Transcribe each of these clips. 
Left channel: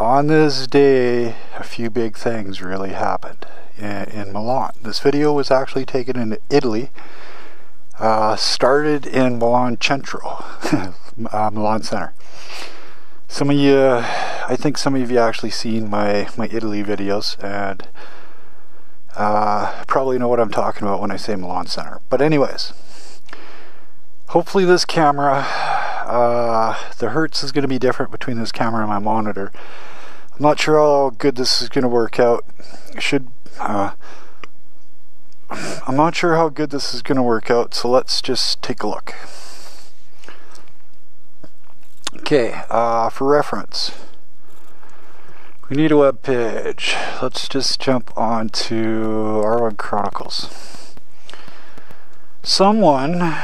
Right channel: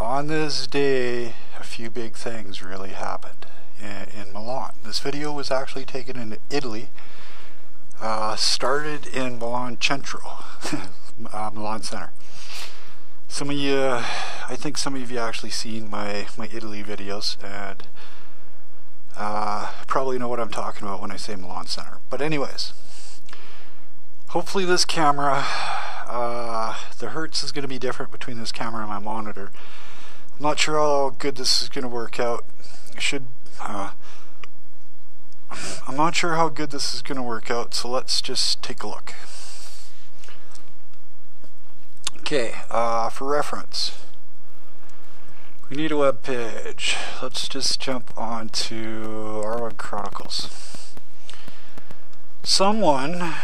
on this day, a few big things really happened in Milan. This video was actually taken in Italy. Started in Milan Centro, Milan Center. Some of you, I think some of you actually seen my Italy videos and probably know what I'm talking about when I say Milan Center. But anyways, hopefully this camera, the hertz is going to be different between this camera and my monitor. I'm not sure how good this is going to work out. I'm not sure how good this is going to work out, so let's just take a look. Okay, for reference, we need a web page. Let's just jump on to R1Chronicles. Someone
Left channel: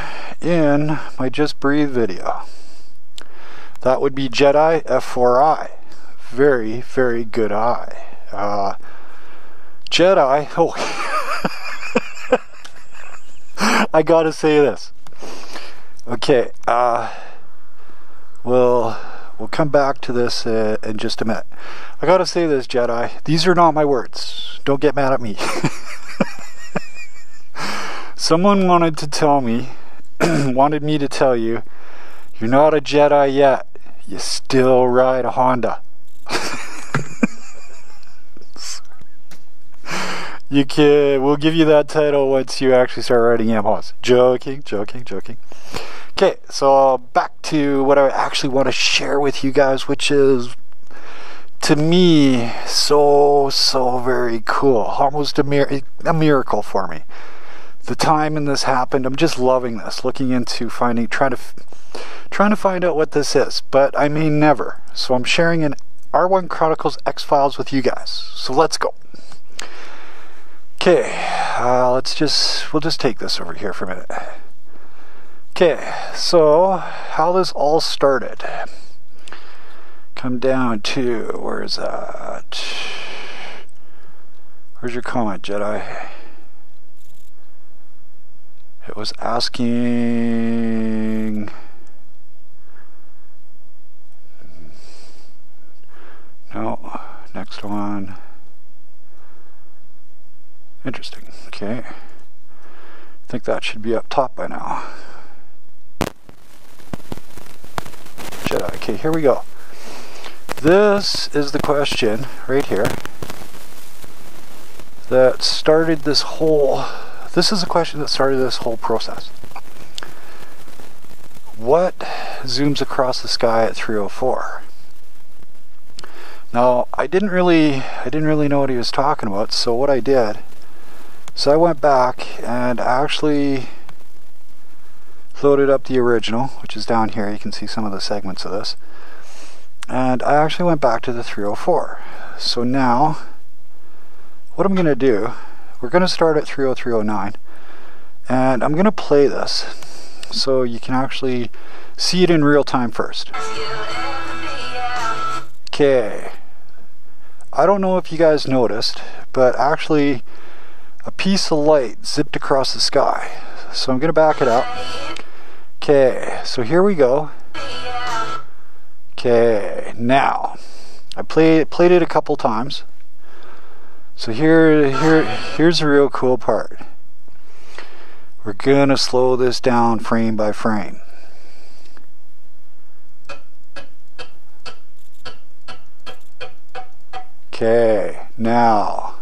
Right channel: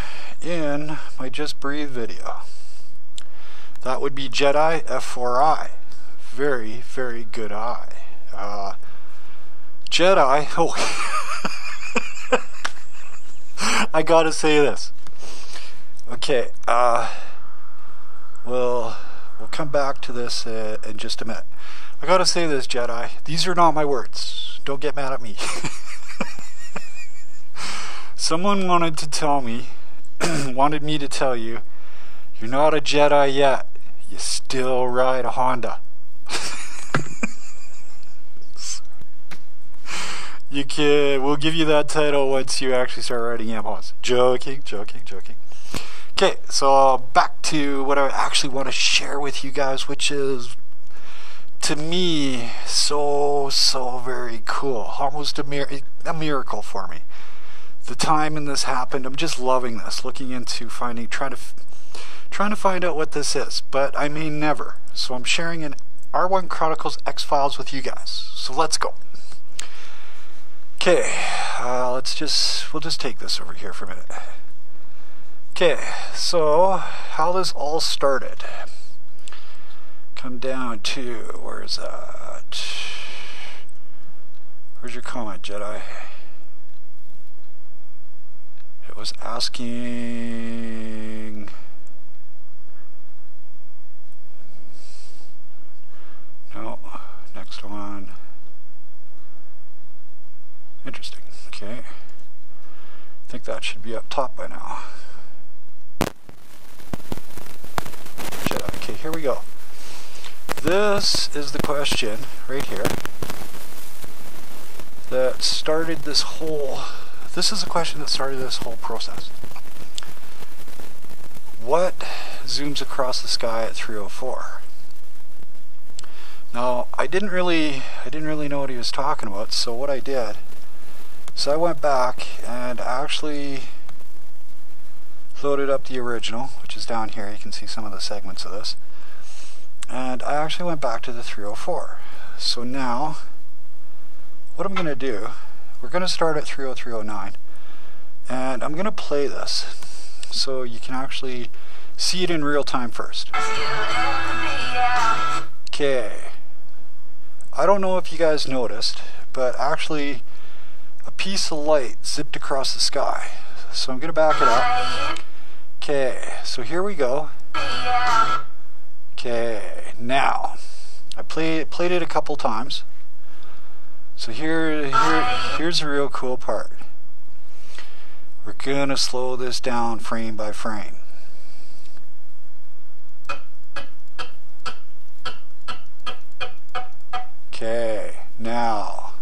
in my Just Breathe video, that would be Jedi F41. Very, very good eye. Jedi, oh, I gotta say this. Okay, we'll come back to this in just a minute. I gotta say this, Jedi. These are not my words. Don't get mad at me. Someone wanted to tell me, wanted me to tell you, you're not a Jedi yet. You still ride a Honda. You can. We'll give you that title once you actually start riding Yamahas. Joking. Okay, so back to what I actually want to share with you guys, which is, to me, so very cool. Almost a miracle for me. The time when this happened, I'm just loving this. Looking into trying to find out what this is, but I may never. So I'm sharing an R1Chronicles X-Files with you guys. So let's go. Okay, we'll just take this over here for a minute. Okay, so how this all started. Come down to, where's that? Where's your comment, Jedi? It was asking... No, next one. Interesting. Okay. I think that should be up top by now. Jedi. Okay, here we go. This is the question right here that started this whole... This is the question that started this whole process. What zooms across the sky at 304? Now, I didn't really know what he was talking about, so what I did, so I went back and actually loaded up the original, which is down here. You can see some of the segments of this. And I actually went back to the 304. So now, what I'm going to do, we're going to start at 30309, and I'm going to play this so you can actually see it in real time first. Okay. I don't know if you guys noticed, but actually a piece of light zipped across the sky. So I'm going to back it up. Okay, so here we go. Okay, now I played it a couple times. So here's the real cool part. We're going to slow this down frame by frame. Okay, now,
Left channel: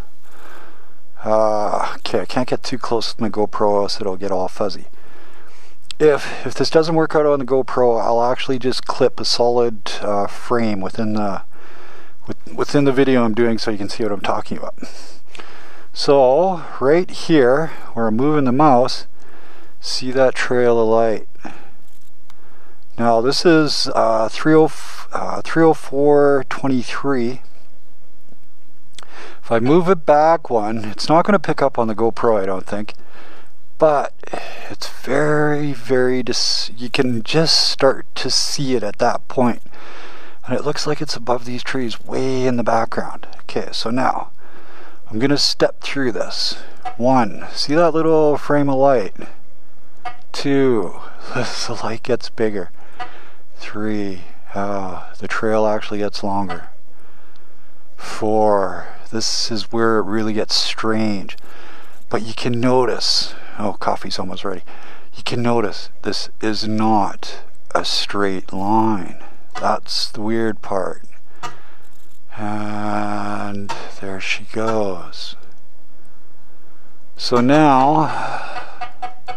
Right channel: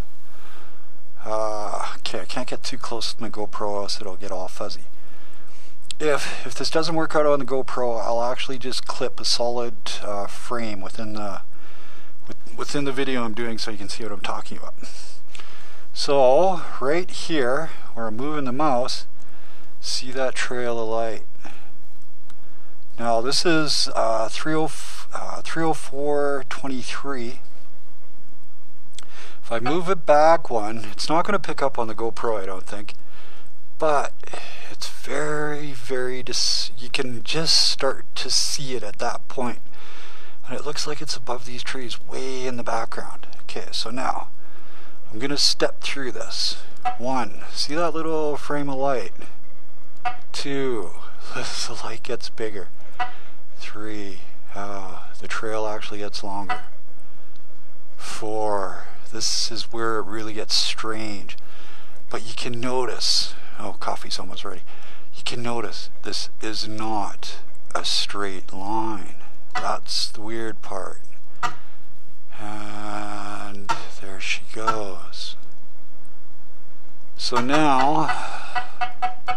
okay, I can't get too close with my GoPro, else it'll get all fuzzy. If this doesn't work out on the GoPro, I'll actually just clip a solid frame within the video I'm doing, so you can see what I'm talking about. So right here, where I'm moving the mouse, see that trail of light. Now this is 304.23. If I move it back one, it's not going to pick up on the GoPro, I don't think. But it's very, you can just start to see it at that point. And it looks like it's above these trees way in the background. Okay, so now I'm going to step through this. 1, see that little frame of light? 2, the light gets bigger. 3, the trail actually gets longer. F4. This is where it really gets strange. But you can notice, oh, coffee's almost ready. You can notice this is not a straight line. That's the weird part. And there she goes. So now, I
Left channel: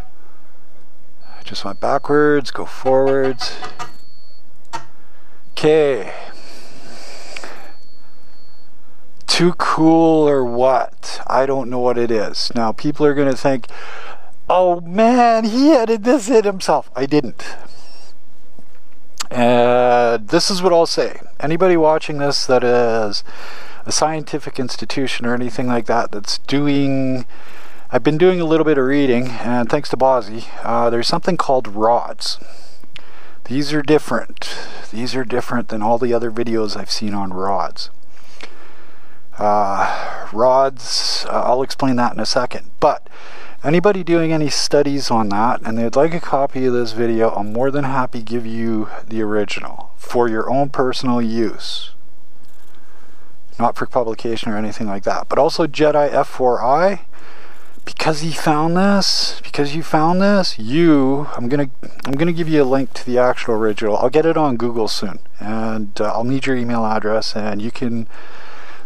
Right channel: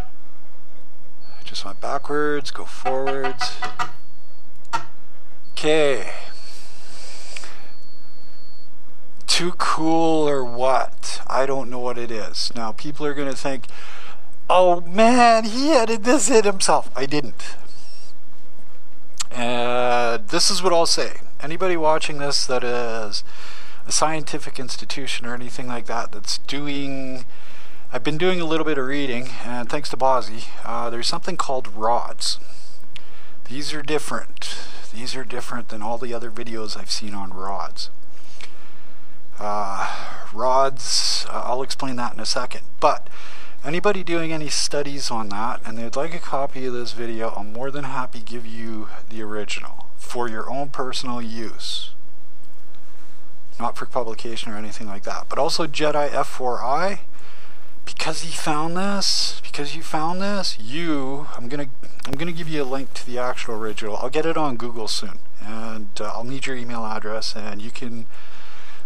just went backwards, go forwards. Okay. Too cool or what? I don't know what it is. Now people are going to think, oh man, he edited this in himself. I didn't. This is what I'll say. Anybody watching this that is a scientific institution or anything like that that's doing... I've been doing a little bit of reading, and thanks to Bozzy, there's something called rods. These are different. These are different than all the other videos I've seen on rods. Rods, I'll explain that in a second. But anybody doing any studies on that and they'd like a copy of this video, I'm more than happy to give you the original for your own personal use. Not for publication or anything like that. But also Jedi F41, because you found this, I'm gonna give you a link to the actual original. I'll get it on Google soon, and I'll need your email address, and you can,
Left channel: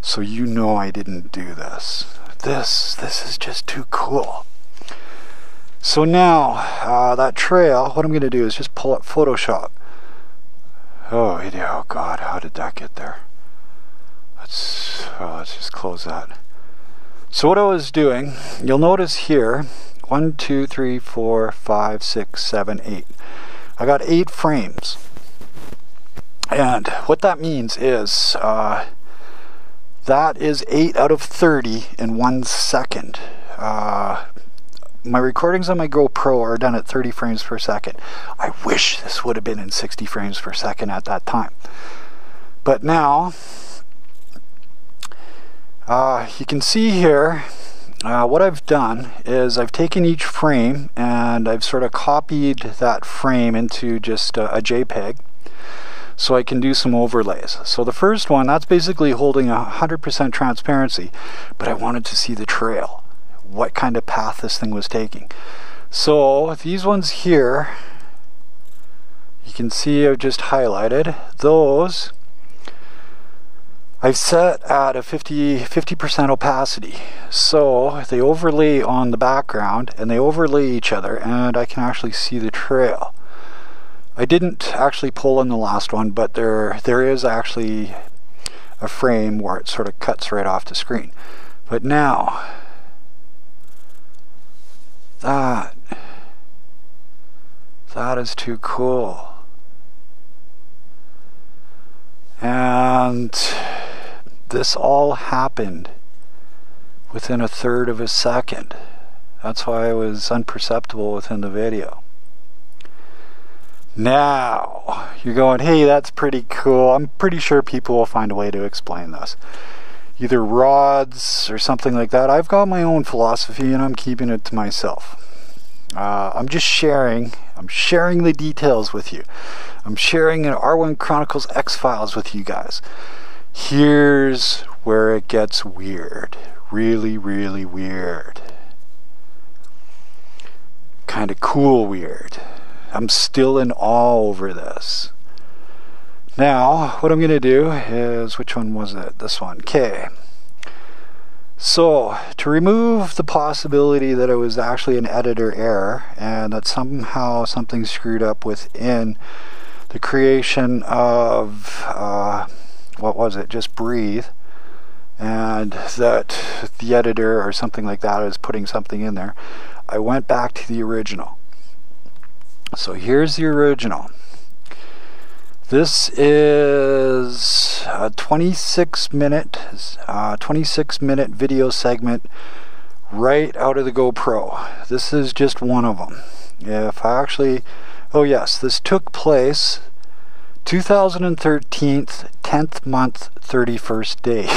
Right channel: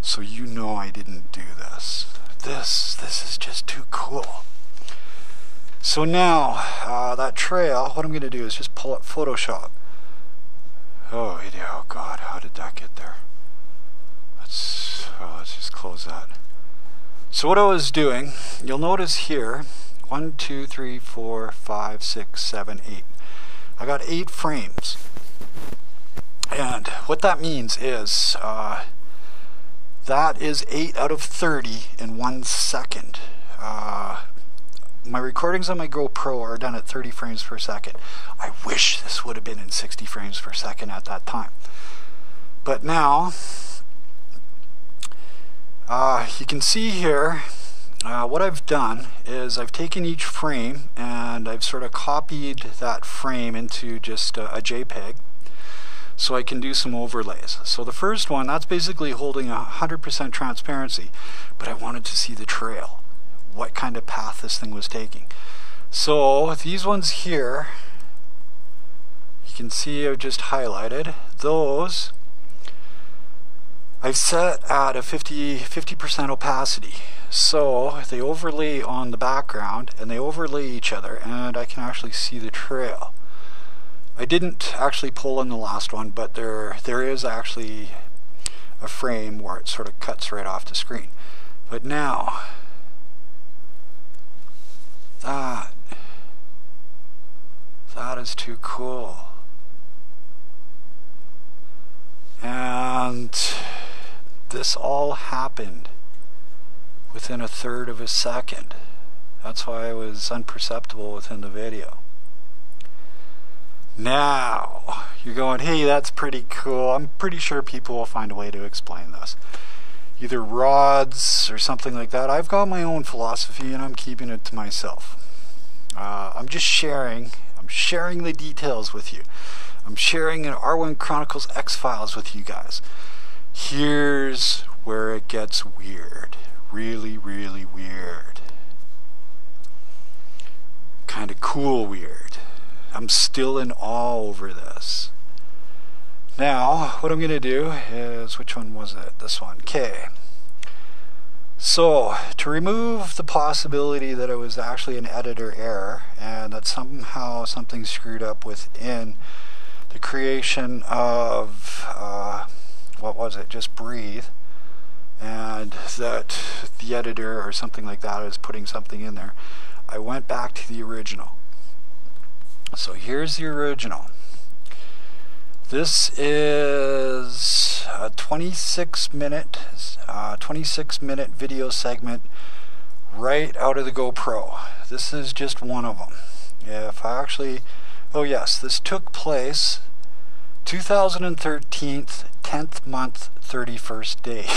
so you know I didn't do this. This is just too cool. So now that trail, what I'm gonna do is just pull up Photoshop. Oh God, how did that get there? Let's just close that. So what I was doing, you'll notice here, 1, 2, 3, 4, 5, 6, 7, 8. I got 8 frames. And what that means is, that is 8 out of 30 in 1 second. My recordings on my GoPro are done at 30 frames per second. I wish this would have been in 60 frames per second at that time. But now, you can see here, what I've done is I've taken each frame and I've sort of copied that frame into just a JPEG so I can do some overlays. So the first one, that's basically holding 100% transparency, but I wanted to see the trail, what kind of path this thing was taking. So these ones here, you can see I've just highlighted those. I've set at a 50% opacity, so they overlay on the background and they overlay each other, and I can actually see the trail. I didn't actually pull in the last one, but there is actually a frame where it sort of cuts right off the screen. But now, that is too cool. And this all happened within 1/3 of a second. That's why it was imperceptible within the video. Now, you're going, hey, that's pretty cool. I'm pretty sure people will find a way to explain this. Either rods or something like that. I've got my own philosophy and I'm keeping it to myself. I'm just sharing. I'm sharing the details with you. I'm sharing an R1Chronicles X-Files with you guys. Here's where it gets weird. Really, really weird. Kind of cool weird. I'm still in awe over this. Now, what I'm going to do is, which one was it? This one. Okay. So, to remove the possibility that it was actually an editor error and that somehow something screwed up within the creation of, what was it? Just Breathe. And that the editor or something like that is putting something in there. I went back to the original. So here's the original. This is a 26 minute video segment right out of the GoPro. This is just one of them. If I actually, oh yes, this took place 2013, 10th month, 31st day.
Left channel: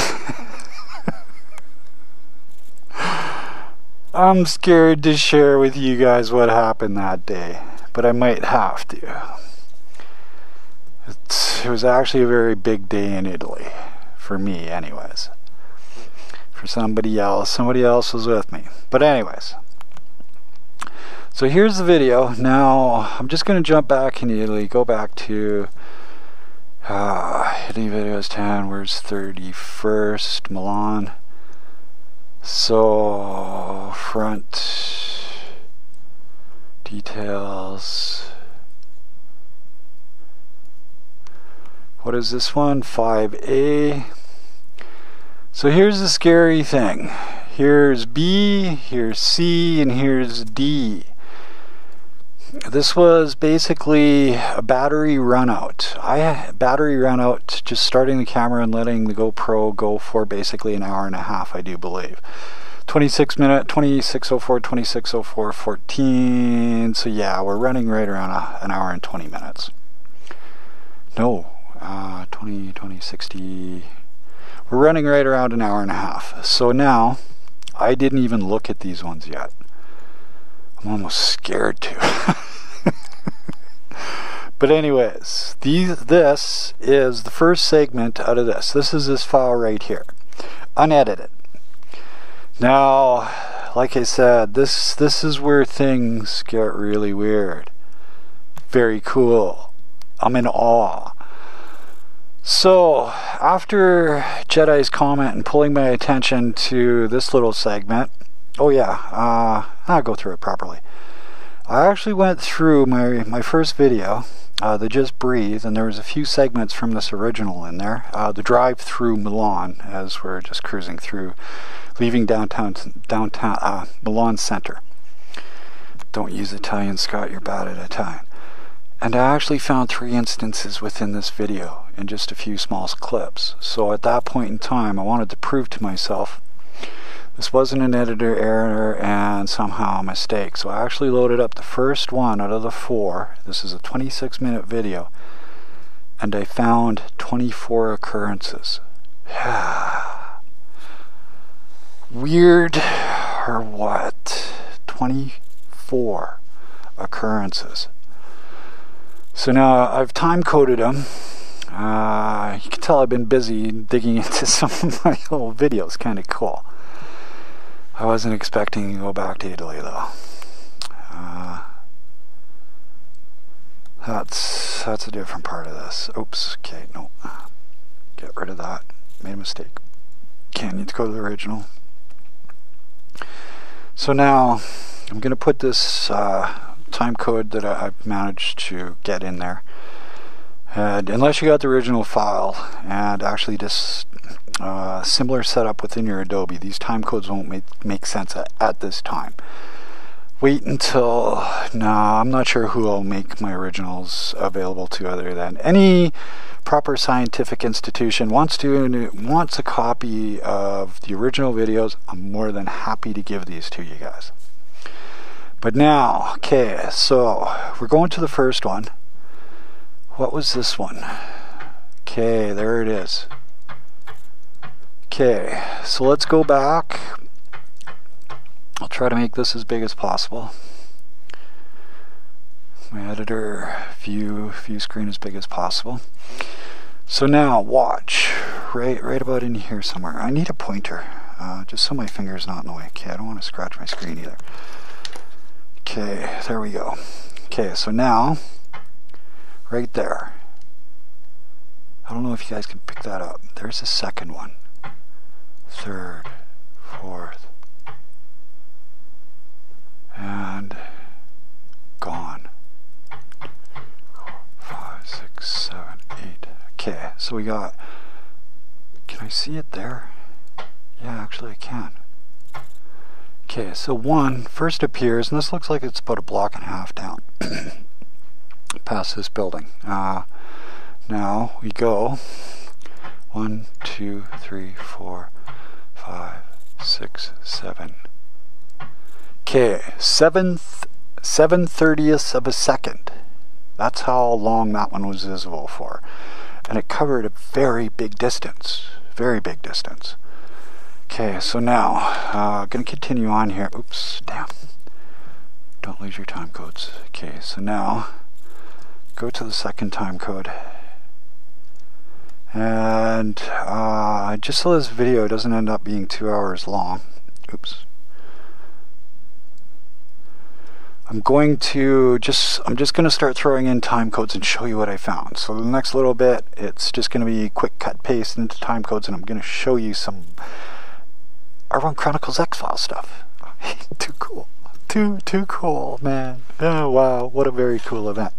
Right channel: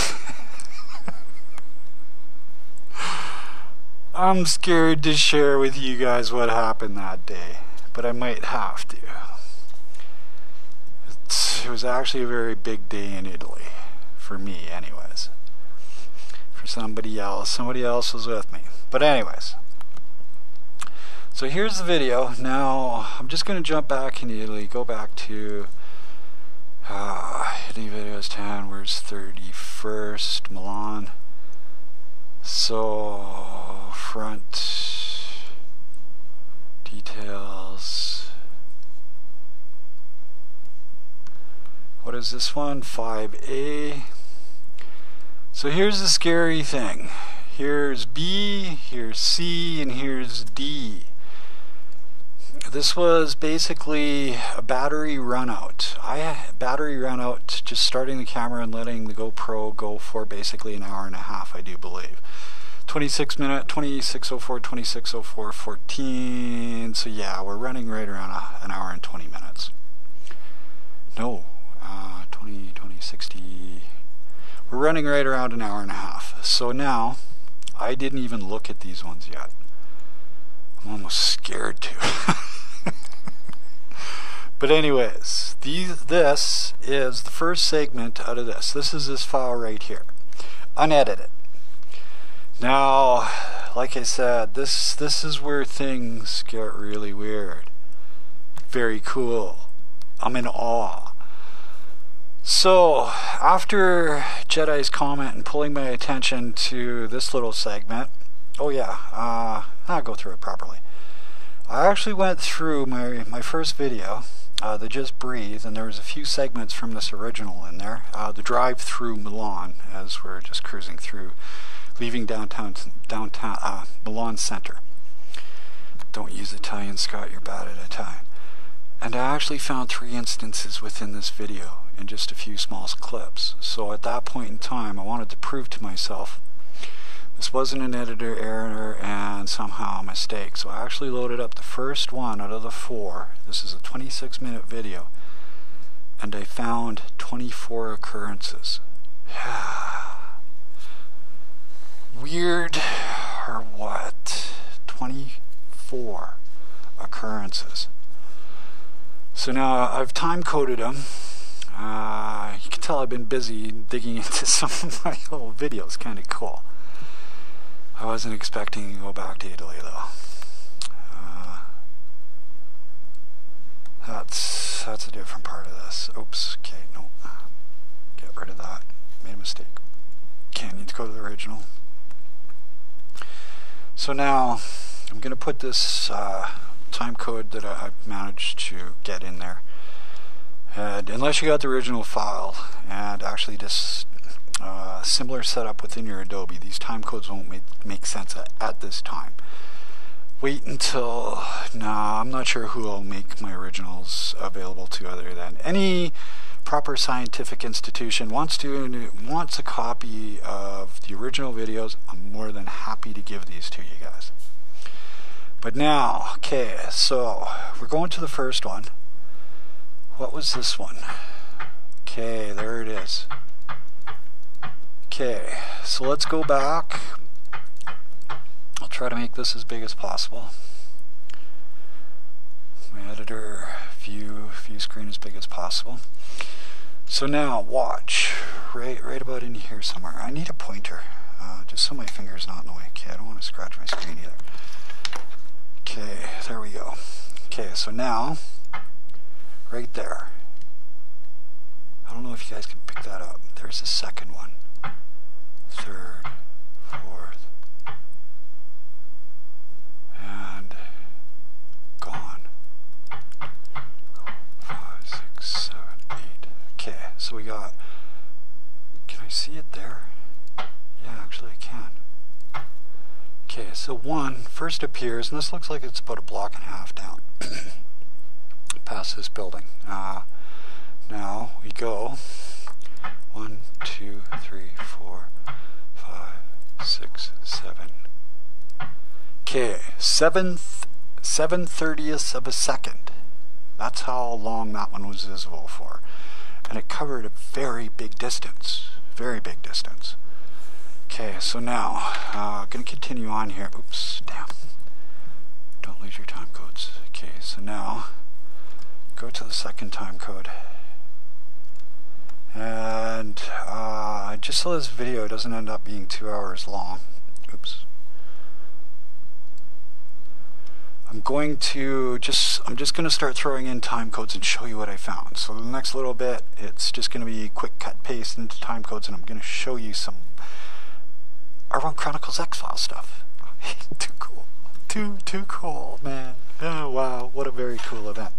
I'm scared to share with you guys what happened that day, but I might have to. It was actually a very big day in Italy, for me anyways. for somebody else. Somebody else was with me. But anyways, so here's the video. Now I'm just going to jump back in Italy, go back to Italy videos 10, where's 31st, Milan. So front details. What is this one? 5A. So here's the scary thing. Here's B, here's C, and here's D. This was basically a battery run out. Battery run out, just starting the camera and letting the GoPro go for basically an hour and a half, I do believe. 26 minute, 26:04, 26:04, 14. So yeah, we're running right around an hour and 20 minutes. No, 60. We're running right around an hour and a half. So now, I didn't even look at these ones yet. I'm almost scared to. But anyways, this is the first segment out of this. This is this file right here, unedited. Now, like I said, this is where things get really weird. Very cool. I'm in awe. So, after Jedi's comment and pulling my attention to this little segment, oh yeah, I'll go through it properly. I actually went through my first video, the Just Breathe, and there was a few segments from this original in there. The drive through Milan, as we're just cruising through, leaving downtown Milan Center. Don't use Italian, Scott, you're bad at Italian. And I actually found 3 instances within this video in just a few small clips. So at that point in time, I wanted to prove to myself this wasn't an editor error and somehow a mistake. So I actually loaded up the first one out of the 4. This is a 26-minute video. And I found 24 occurrences. Weird or what? 24 occurrences. So now I've time coded them. You can tell I've been busy digging into some of my old videos. Kind of cool. I wasn't expecting to go back to Italy though. That's a different part of this. Oops. Okay, no. Get rid of that. Made a mistake. Okay, I need to go to the original. So now I'm going to put this time code that I've managed to get in there. And unless you got the original file and actually just similar setup within your Adobe, these time codes won't make sense at this time. Wait until, no, I'm not sure who I'll make my originals available to other than any proper scientific institution wants a copy of the original videos. I'm more than happy to give these to you guys. But now, okay, so we're going to the first one. What was this one? Okay, there it is. Okay, so let's go back. I'll try to make this as big as possible. My editor view screen as big as possible. So now watch right about in here somewhere. I need a pointer just so my finger's not in the way. Okay, I don't want to scratch my screen either. Okay, there we go. Okay, so now right there. I don't know if you guys can pick that up. There's the second one. Third, fourth, and gone. 5, 6, 7, 8. Okay, so we got, can I see it there? Yeah, actually I can. Okay, so 1 first appears, and this looks like it's about a block and a half down past this building. Now we go 1, 2, 3, 4, 5, 6, 7. Okay, 7/30ths of a second. That's how long that one was visible for. And it covered a very big distance. Very big distance. Okay, so now, going to continue on here. Oops, damn. Don't lose your time codes. Okay, so now, go to the second time code. And just so this video doesn't end up being 2 hours long, oops, I'm just going to start throwing in time codes and show you what I found. So the next little bit, it's just going to be quick cut paste into time codes, and I'm going to show you some R1Chronicles X-File stuff. Too cool. Too cool, man. Oh, wow, what a very cool event.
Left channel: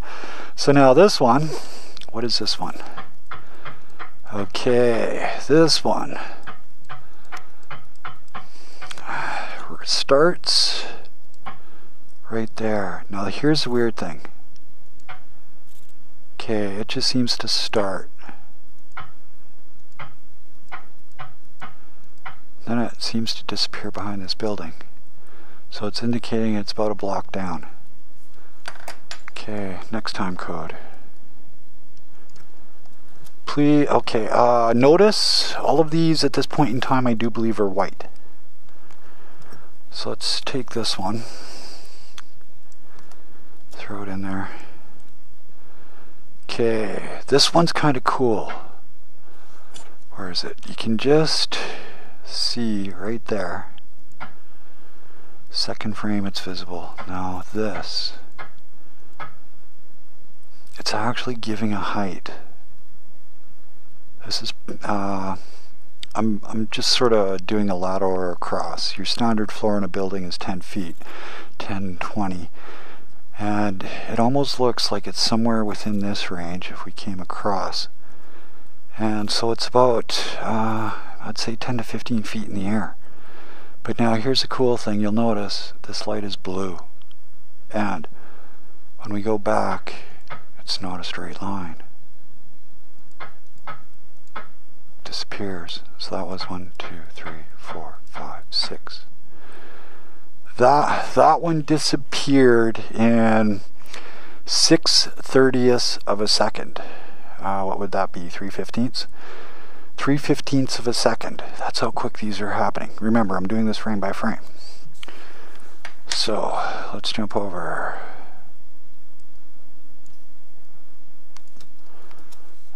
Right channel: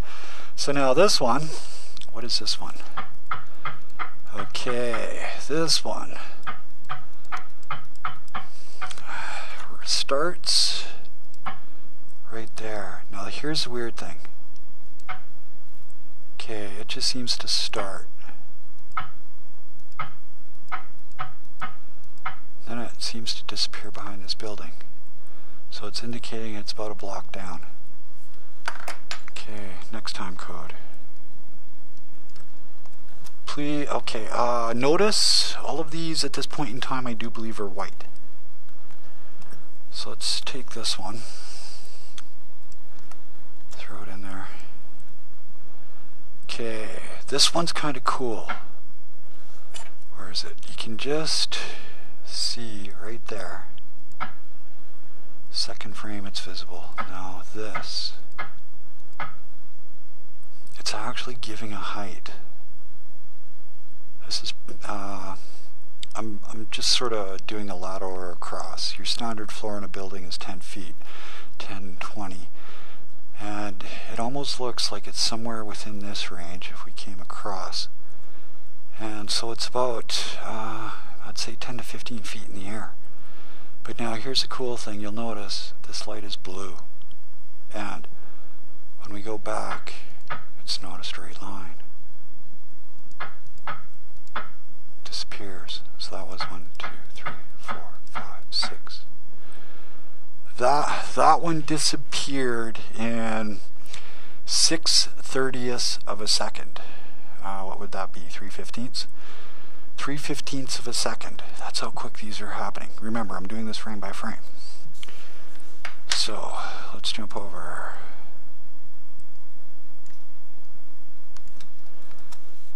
So now this one, what is this one? Okay, this one starts right there. Now here's the weird thing. Okay, it just seems to start. Then it seems to disappear behind this building. So it's indicating it's about a block down. Okay, next time code. Please, okay, notice all of these at this point in time I do believe are white. So let's take this one. Throw it in there. Okay, this one's kind of cool. Where is it? You can just see right there. Second frame, it's visible. Now this, it's actually giving a height. This is, I'm just sort of doing a ladder or across. Your standard floor in a building is 10 feet, 10, 20. And it almost looks like it's somewhere within this range if we came across. And so it's about, I'd say 10 to 15 feet in the air. But now here's the cool thing, you'll notice this light is blue. And when we go back, it's not a straight line. Disappears. So that was 1, 2, 3, 4, 5, 6. That one disappeared in 6/30ths of a second. What would that be? 3/15ths? 3/15ths of a second. That's how quick these are happening. Remember, I'm doing this frame by frame. So let's jump over.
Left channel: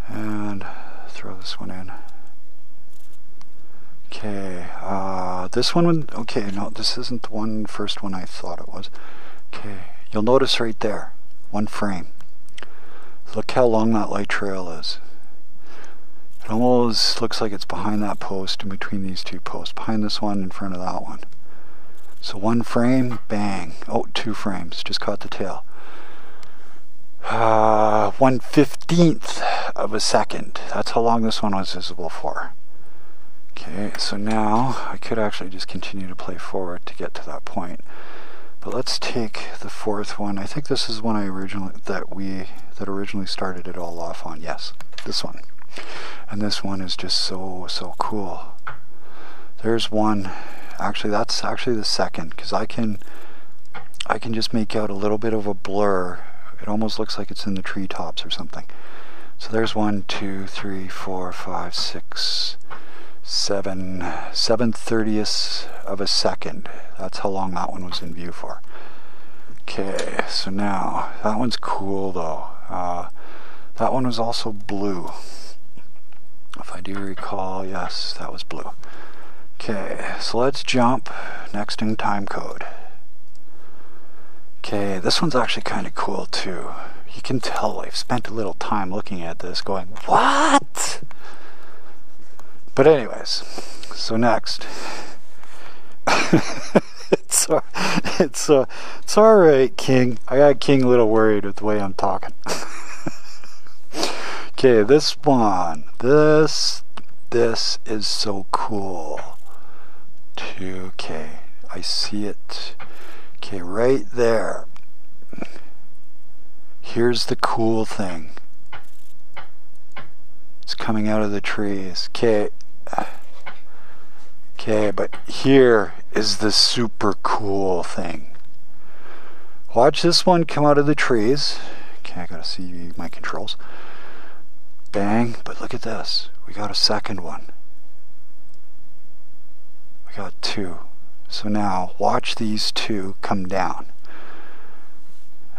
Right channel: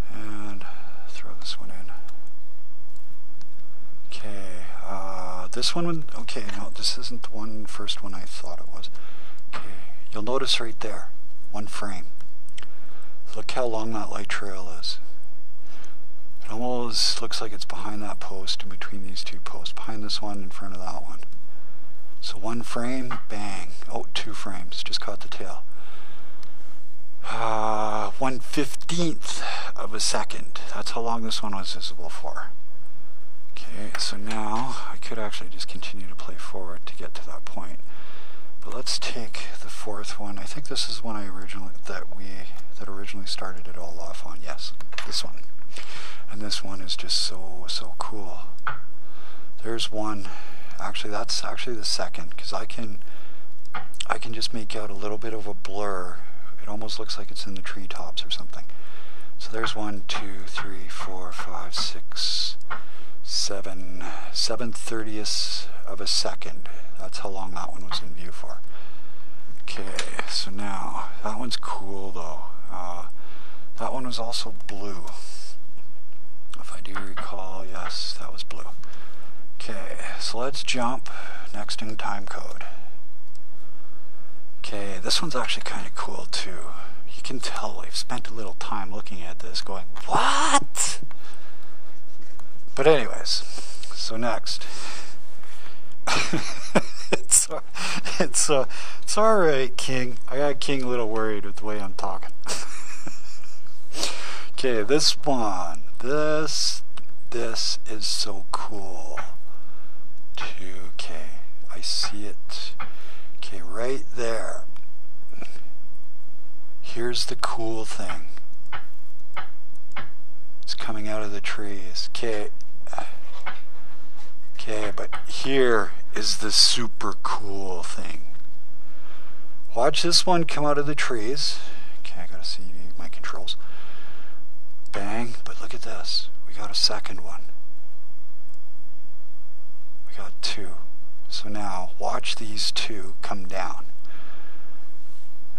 And throw this one in. Okay, this one, okay, no, this isn't the first one I thought it was. Okay, you'll notice right there, one frame. Look how long that light trail is. It almost looks like it's behind that post, in between these two posts, behind this one, in front of that one. So one frame, bang. Oh, 2 frames, just caught the tail. 1/15th of a second. That's how long this one was visible for. Okay, so now I could actually just continue to play forward to get to that point. But let's take the 4th one. I think this is one that originally started it all off on. Yes, this one. And this one is just so cool. There's one. Actually, that's actually the second, because I can just make out a little bit of a blur. It almost looks like it's in the treetops or something. So there's 1, 2, 3, 4, 5, 6, 7, 7/30ths of a second. That's how long that one was in view for. Okay, so now that one's cool though. That one was also blue. If I do recall, yes, that was blue. Okay, so let's jump next in time code. Okay, this one's actually kind of cool too. You can tell I've spent a little time looking at this going, what? But anyways, so next. it's alright, King. I got King a little worried with the way I'm talking. Okay, this one. This is so cool. Okay, I see it. Okay, right there. Here's the cool thing. It's coming out of the trees. Okay, but here is the super cool thing. Watch this one come out of the trees. Okay, I gotta see my controls. Bang, but look at this. We got a second one. We got 2. So now, watch these 2 come down.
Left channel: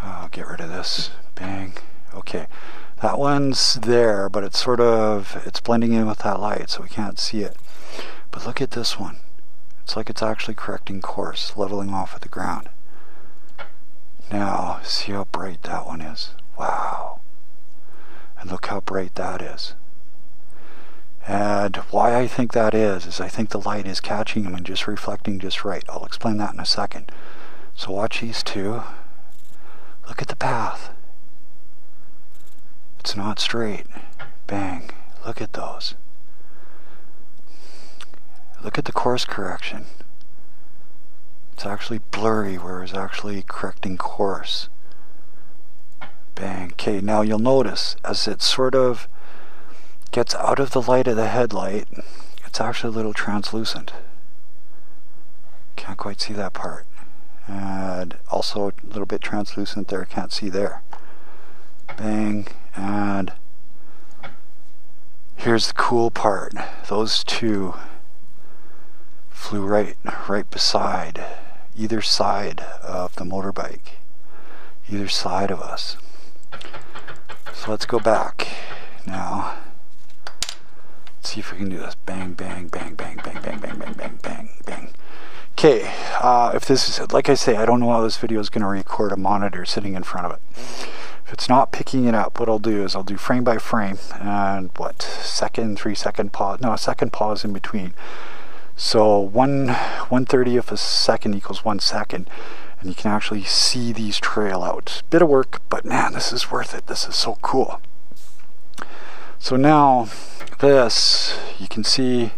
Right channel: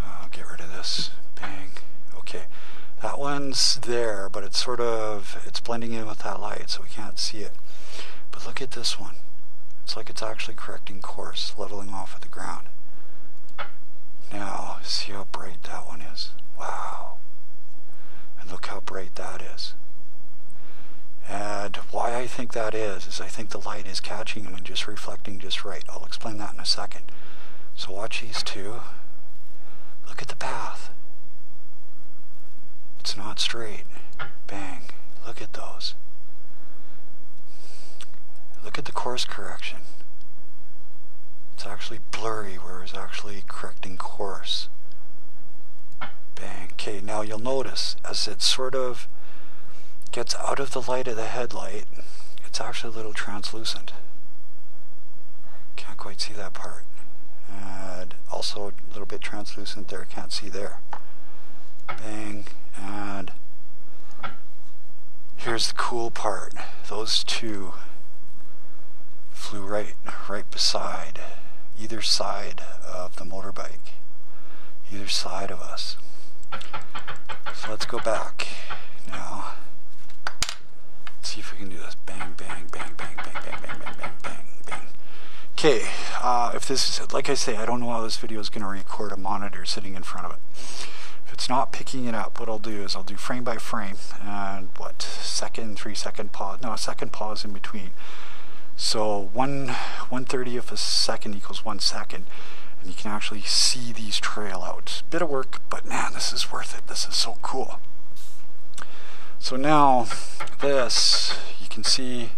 I'll get rid of this. Bang. Okay. That that one's there, but it's sort of, it's blending in with that light, so we can't see it. But look at this one. It's like it's actually correcting course, leveling off with the ground. Now, see how bright that one is. Wow. And look how bright that is. And why I think that is I think the light is catching them and just reflecting just right. I'll explain that in a second. So watch these two. Look at the path. It's not straight. Bang. Look at those. Look at the course correction. It's actually blurry where it's actually correcting course. Bang. Okay, now you'll notice as it sort of gets out of the light of the headlight, it's actually a little translucent. Can't quite see that part. And also a little bit translucent there, can't see there. Bang. And here's the cool part. Those two flew right beside, either side of the motorbike. Either side of us. So let's go back now. See if we can do this. Bang, bang, bang, bang, bang, bang, bang, bang, bang, bang, bang. Okay, if this is, like I say, I don't know how this video is going to record a monitor sitting in front of it. If it's not picking it up, what I'll do is I'll do frame by frame and what, second, 3 second pause, no, a second pause in between. So 1/30 of a second equals 1 second, and you can actually see these trail out. Bit of work, but man, this is worth it. This is so cool. So now this, you can see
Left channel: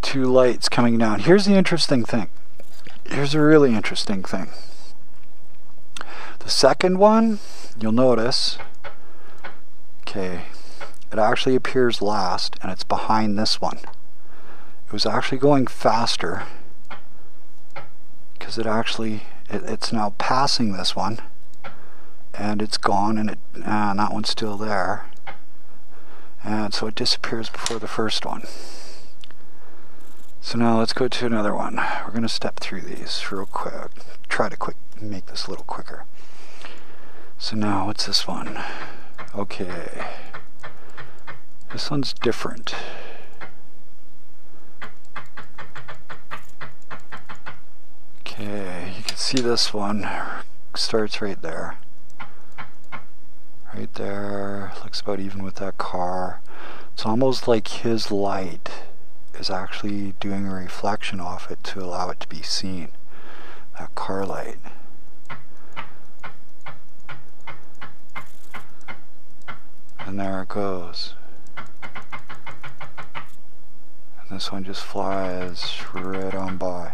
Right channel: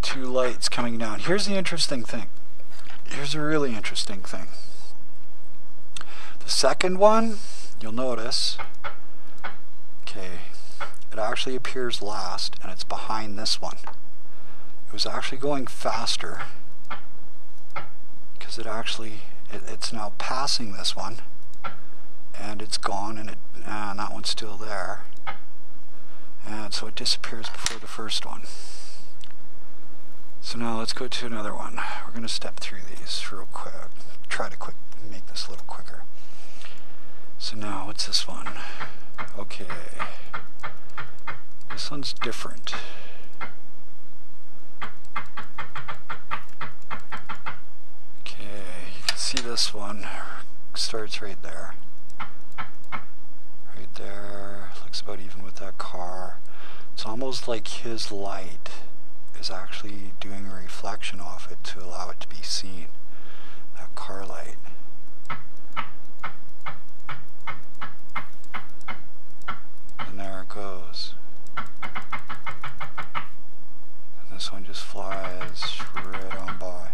two lights coming down. Here's the interesting thing. Here's a really interesting thing. The second one, you'll notice, okay, it actually appears last and it's behind this one. It was actually going faster because it actually, it's now passing this one and it's gone, and that one's still there. And so it disappears before the first one. So now let's go to another one. We're going to step through these real quick. Try to make this a little quicker. So now what's this one? Okay. This one's different. Okay, you can see this one starts right there. Right there, looks about even with that car. It's almost like his light is actually doing a reflection off it to allow it to be seen. That car light. And there it goes. And this one just flies right on by.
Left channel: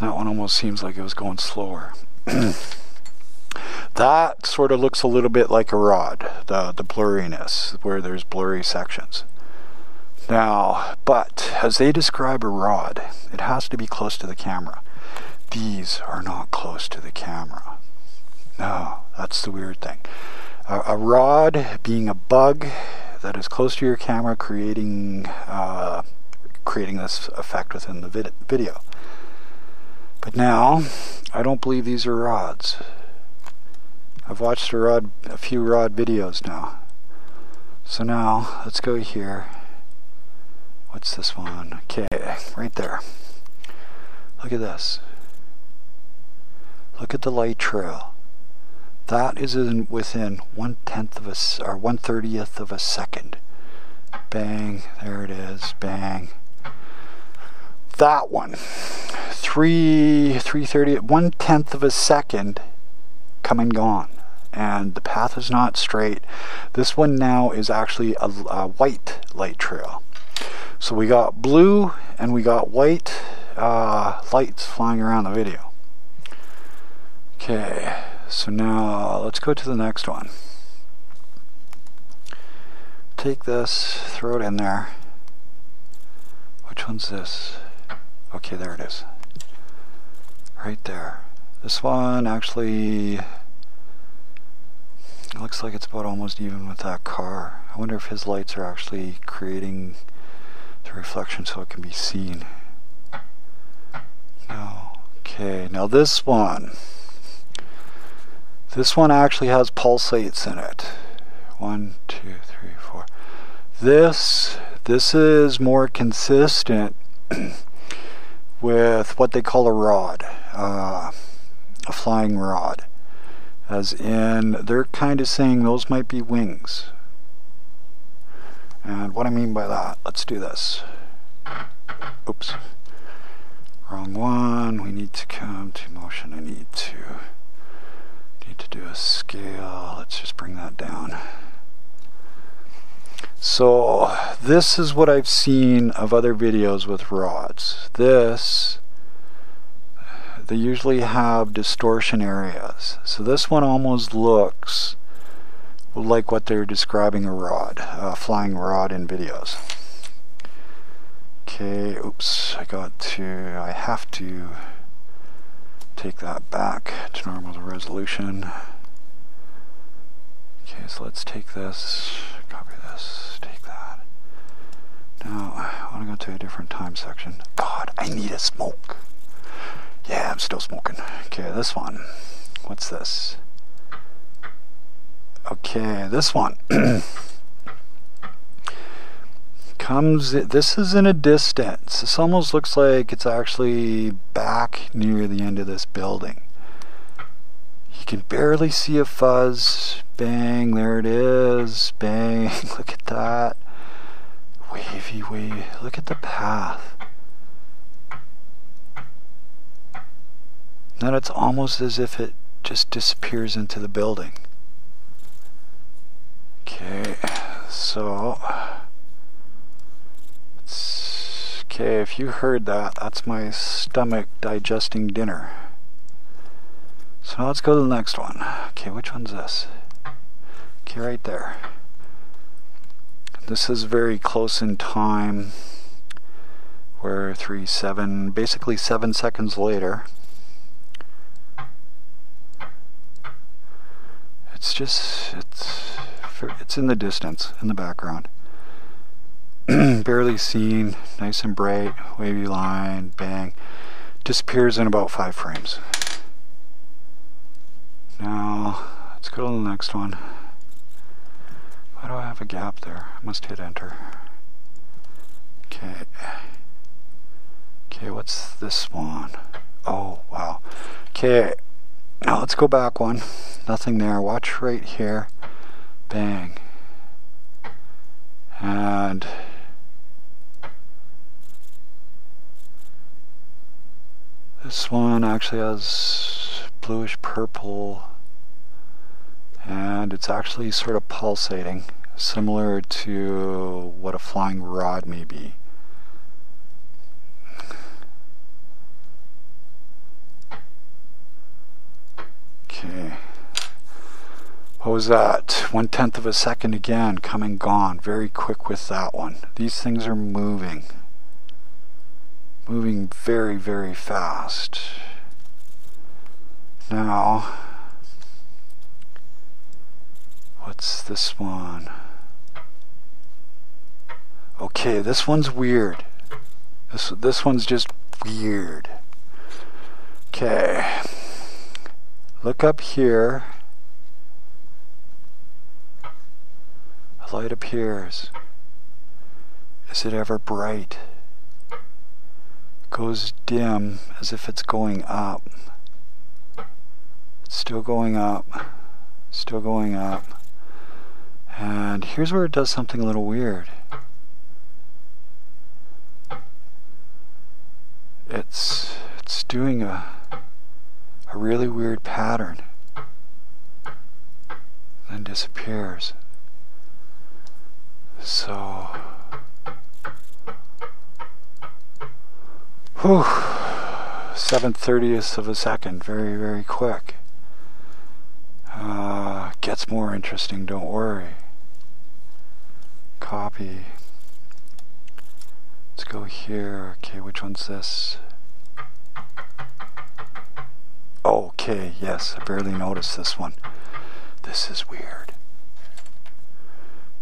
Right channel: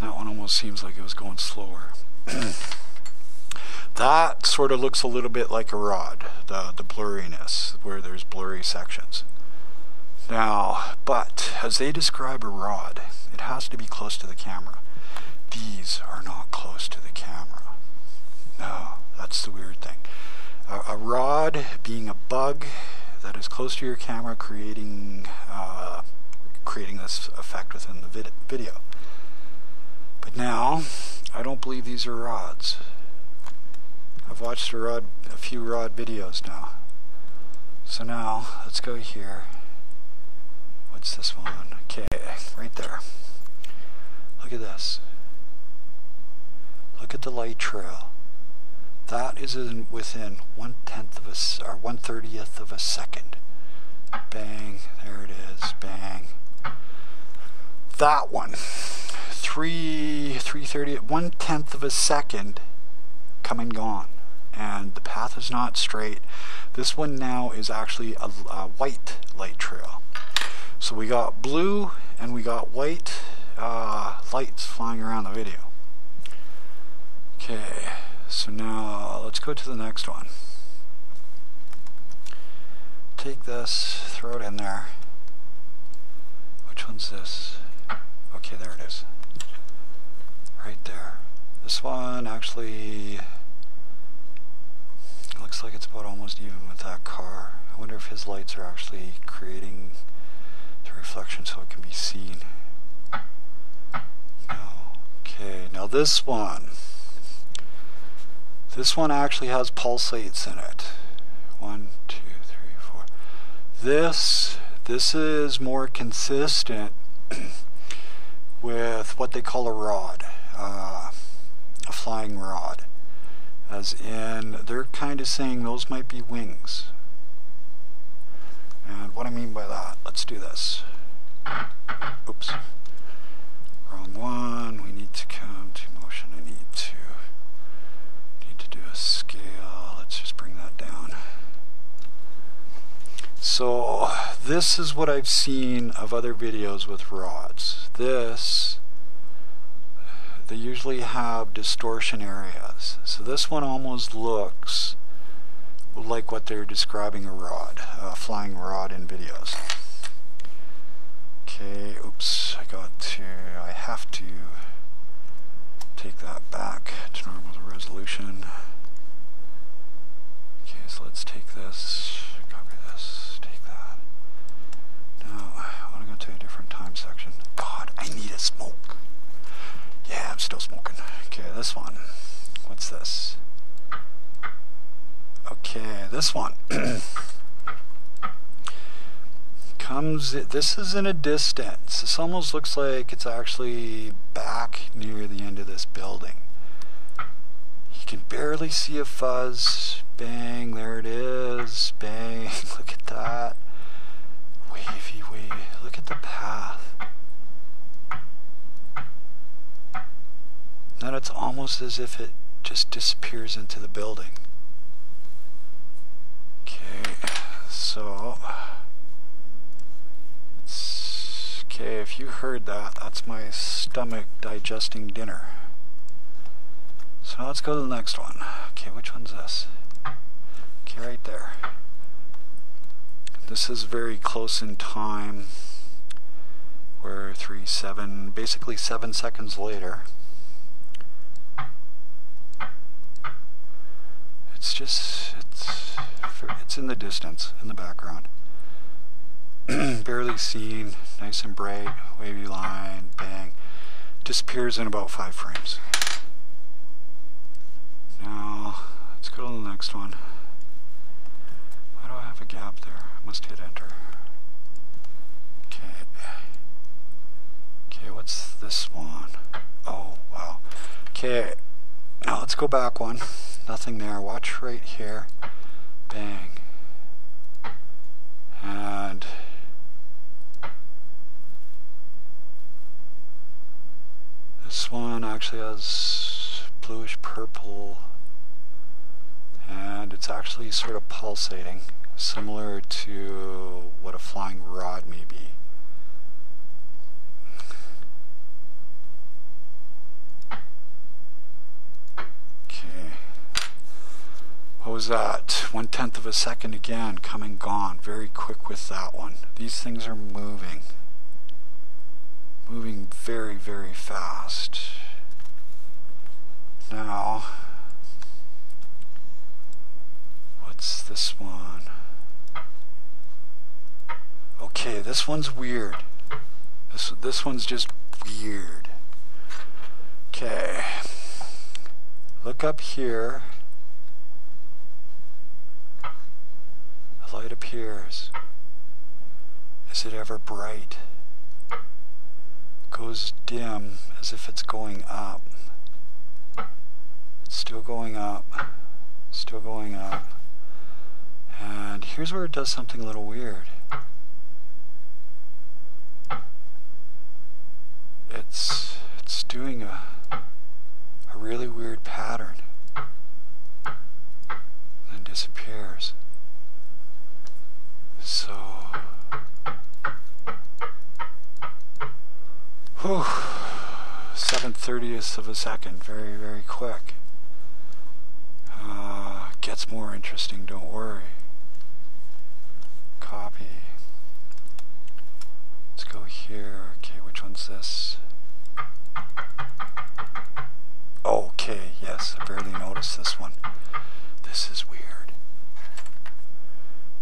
That one almost seems like it was going slower. That sort of looks a little bit like a rod, the blurriness, where there's blurry sections. Now, but as they describe a rod, it has to be close to the camera. These are not close to the camera. No, that's the weird thing. A rod being a bug that is close to your camera, creating this effect within the video. But now, I don't believe these are rods. I've watched a few rod videos now. So now, let's go here. What's this one? Okay, right there. Look at this. Look at the light trail. That is within 1/10 of or 1/30th of a second. Bang, there it is, bang. That one, 3/30, 1/10 of a second, come and gone. And the path is not straight. This one now is actually a white light trail. So we got blue and we got white lights flying around the video. Okay, so now let's go to the next one. Take this, throw it in there. Which one's this? Okay, there it is. Right there. This one actually looks like it's about almost even with that car. I wonder if his lights are actually creating the reflection so it can be seen. No. Okay, now Now this one actually has pulsates in it. 1, 2, 3, 4. This is more consistent with what they call a rod, a flying rod. As in, they're kind of saying those might be wings. And what I mean by that, let's do this. Oops. Wrong one. We need to come to motion. I need to do a scale. Let's just bring that down. So this is what I've seen of other videos with rods. They usually have distortion areas. So this one almost looks like what they're describing a rod, a flying rod in videos. Okay, oops, I have to take that back to normal resolution. Okay, so let's take this, copy this, take that. Now, I want to go to a different time section. God, I need a smoke. Yeah, I'm still smoking. Okay, this one. What's this? Okay, this one. This is in a distance. This almost looks like it's actually back near the end of this building. You can barely see a fuzz. Bang, there it is. Bang, look at that. Wavy, wavy. Look at the path. Then it's almost as if it just disappears into the building. Okay, so okay, if you heard that, that's my stomach digesting dinner. So now let's go to the next one. Okay, which one's this? Okay, right there. This is very close in time. We're basically 7 seconds later. It's in the distance, in the background. Barely seen, nice and bright, wavy line, bang. Disappears in about 5 frames. Now, let's go to the next one. Why do I have a gap there? I must hit enter. Okay. Okay, what's this one? Oh, wow. Okay, now let's go back one. Nothing there. Watch right here. Bang. And this one actually has bluish purple, and it's actually sort of pulsating, similar to what a flying rod may be. Okay. What was that? 1/10 of a second again, coming gone. Very quick with that one. These things are moving. Moving very, very fast. Now, what's this one? Okay, this one's weird. This one's just weird. Okay. Look up here. A light appears. Is it ever bright? It goes dim as if it's going up. It's still going up. Still going up. And here's where it does something a little weird. It's doing a really weird pattern. Then disappears. So, whew, 7/30th of a second, very, very quick. Gets more interesting, don't worry. Copy. Let's go here. Okay, which one's this? Okay, yes, I barely noticed this one. This is weird.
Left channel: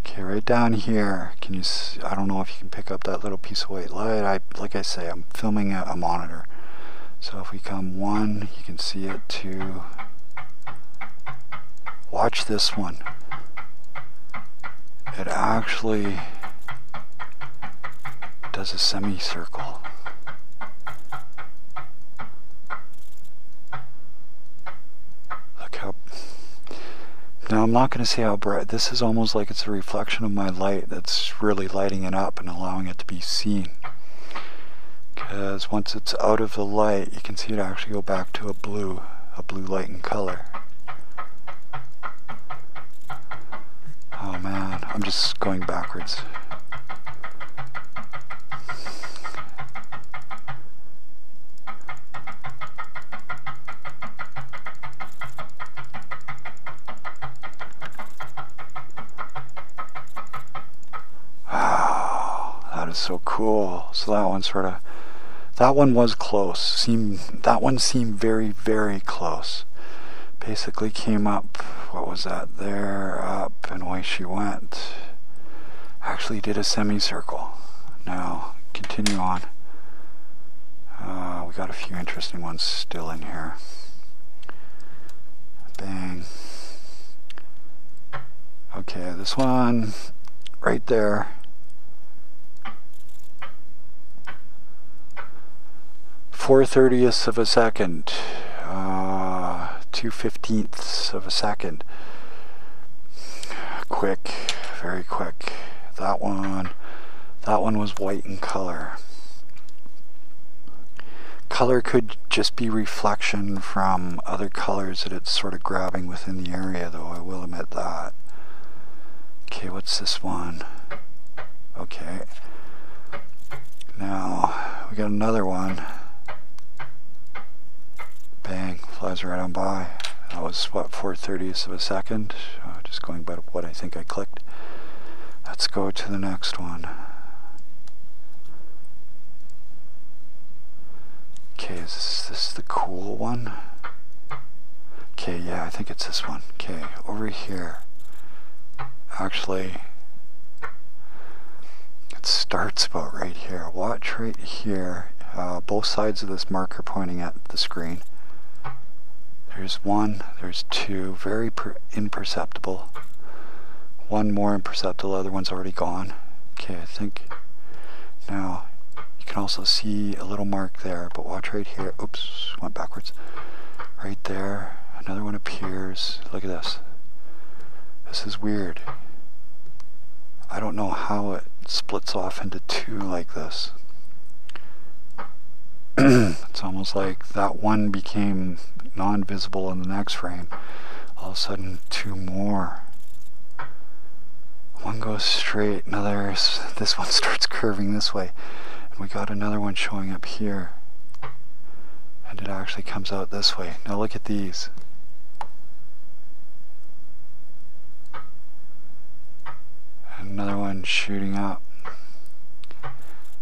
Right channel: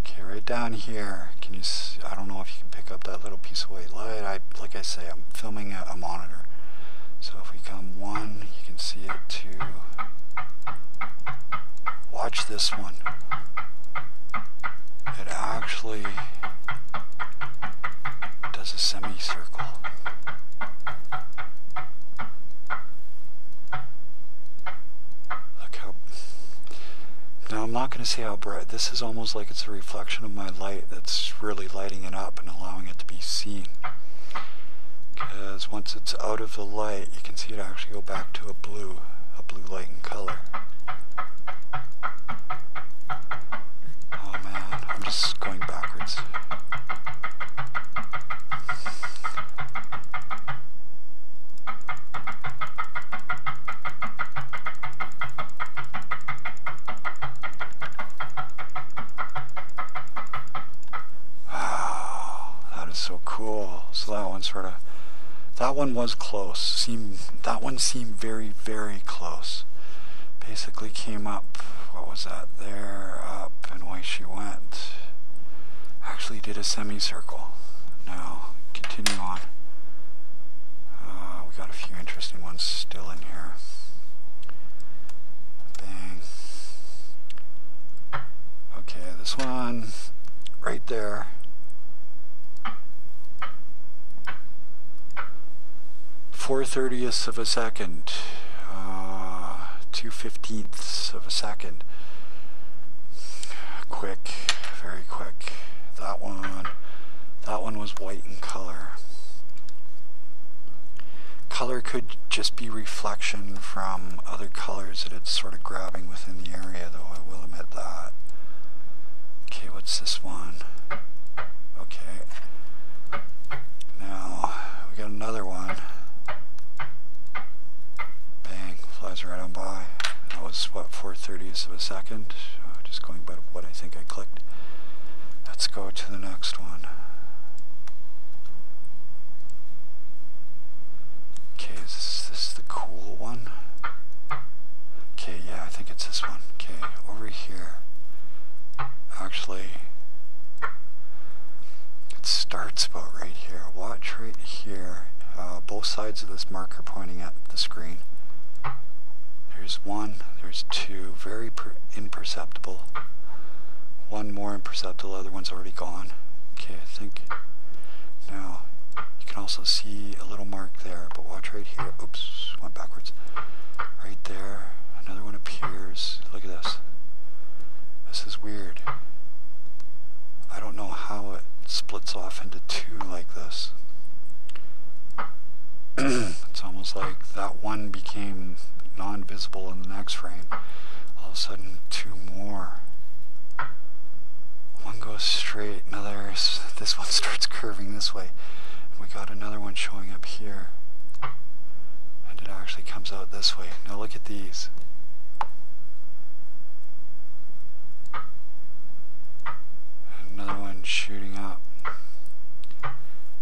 Okay, right down here, can you see, I don't know if you can pick up that little piece of white light. Like I say, I'm filming a monitor, so So if we come 1, you can see it. 2. Watch this one. It actually does a semicircle. Look how... Now I'm not going to say how bright. This is almost like it's a reflection of my light that's really lighting it up and allowing it to be seen. Because once it's out of the light, you can see it actually go back to a blue light in color. Oh man, I'm just going backwards. Wow, that is so cool. So that one sort of, that one was close. That one seemed very, very close. Basically came up, what was that, there, up, and away she went. Actually did a semicircle. Now, continue on. We got a few interesting ones still in here. Bang. Okay, this one, right there. 4/30ths of a second. 2/15ths of a second. Quick, very quick. That one was white in color. Color could just be reflection from other colors that it's sort of grabbing within the area, though, I will admit that. Okay, what's this one? Okay. Now, we got another one. Bang, flies right on by. That was, what, 4/30ths of a second? Just going by what I think I clicked. Let's go to the next one. Okay, is this the cool one? Okay, yeah, I think it's this one. Okay, over here. Actually, it starts about right here. Watch right here. Both sides of this marker pointing at the screen. There's 1, there's 2, very imperceptible. 1 more imperceptible, other one's already gone. Okay, I think now you can also see a little mark there, but watch right here. Oops, went backwards. Right there, another one appears. Look at this. This is weird. I don't know how it splits off into 2 like this. It's almost like that one became non-visible in the next frame. All of a sudden, 2 more. One goes straight, this one starts curving this way. And we got another one showing up here. And it actually comes out this way. Now look at these. And another one shooting up.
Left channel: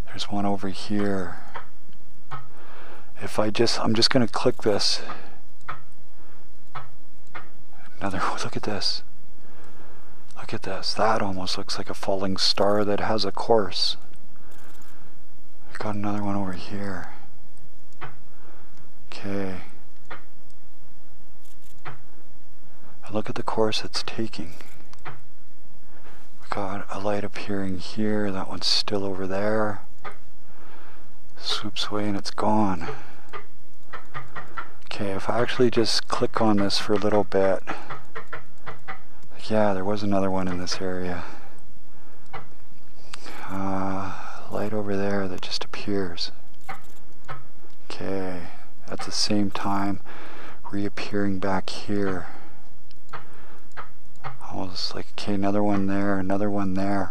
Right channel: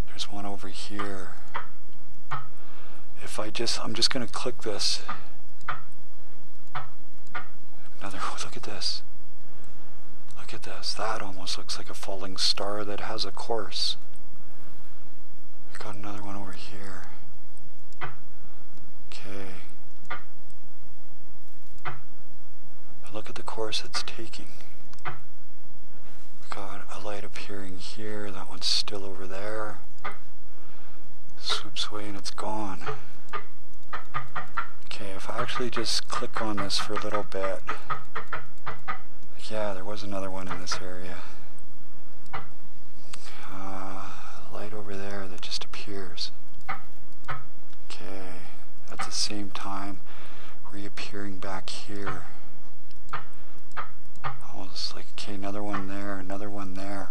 There's one over here. If I'm just going to click this. Look at this. Look at this. That almost looks like a falling star that has a course. I've got another one over here. Okay. And look at the course it's taking. We've got a light appearing here. That one's still over there. Swoops away and it's gone. Okay, if I actually just click on this for a little bit. Yeah, there was another one in this area. Light over there that just appears. Okay, at the same time reappearing back here. Almost like, okay, another one there, another one there.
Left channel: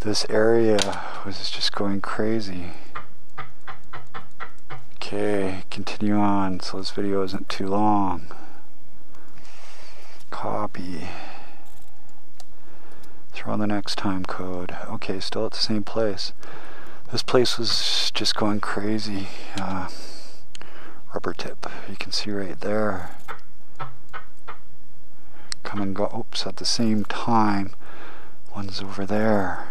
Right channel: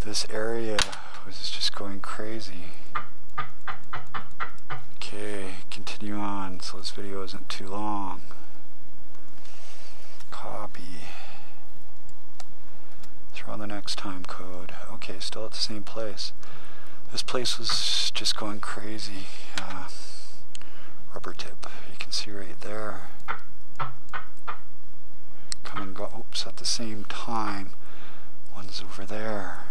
This area was just going crazy. Okay, continue on so this video isn't too long. Copy. Throw on the next time code. Okay, still at the same place. This place was just going crazy. Rubber tip, you can see right there. Come and go, oops, at the same time. One's over there.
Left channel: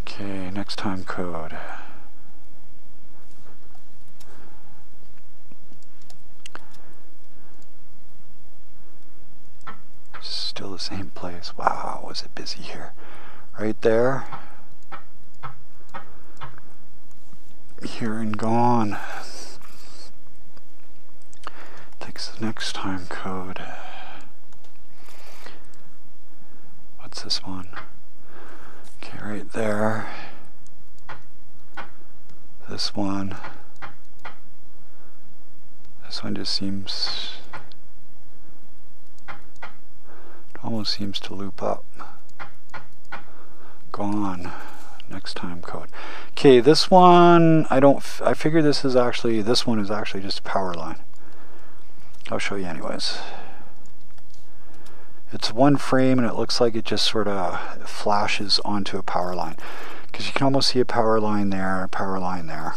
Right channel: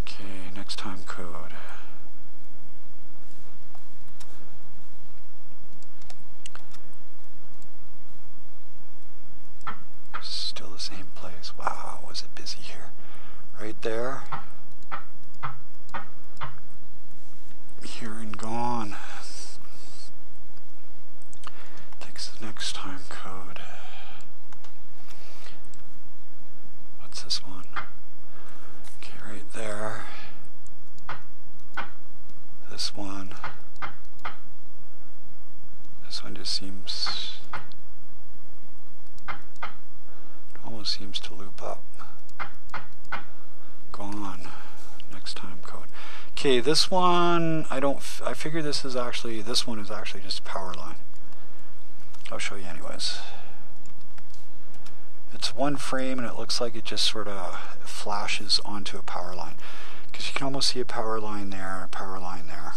Okay, next time code. Still the same place. Wow, was it busy here? Right there. Here and gone. Takes the next time code. What's this one? Okay, right there. This one. This one just seems... it almost seems to loop up. Gone. Next time code. Okay, this one, I figure this one is actually just a power line. I'll show you anyways. It's one frame and it looks like it just sort of flashes onto a power line. Because you can almost see a power line there, a power line there.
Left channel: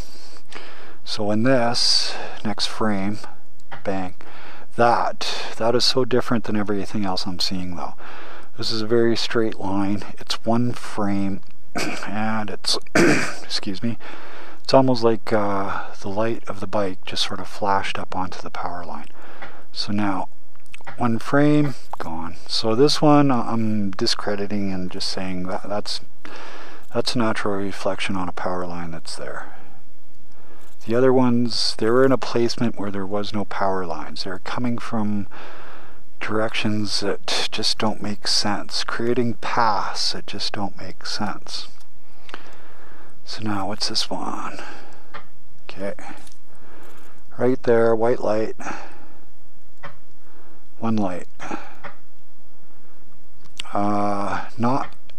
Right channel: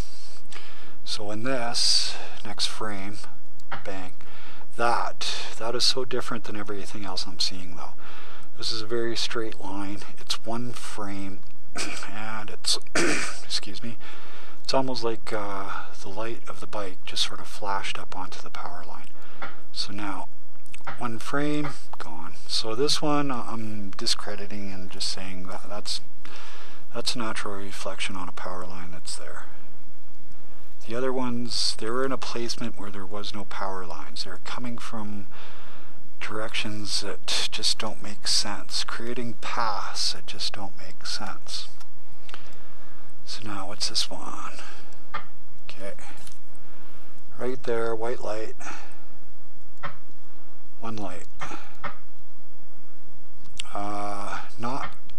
So in this next frame, bang, that is so different than everything else I'm seeing though. This is a very straight line. It's one frame and it's, excuse me, it's almost like the light of the bike just sort of flashed up onto the power line. So now, one frame, gone. So this one I'm discrediting and just saying that's a natural reflection on a power line that's there. The other ones, they were in a placement where there was no power lines. They're coming from directions that just don't make sense. Creating paths that just don't make sense. So now, what's this one? Okay. Right there, white light. One light.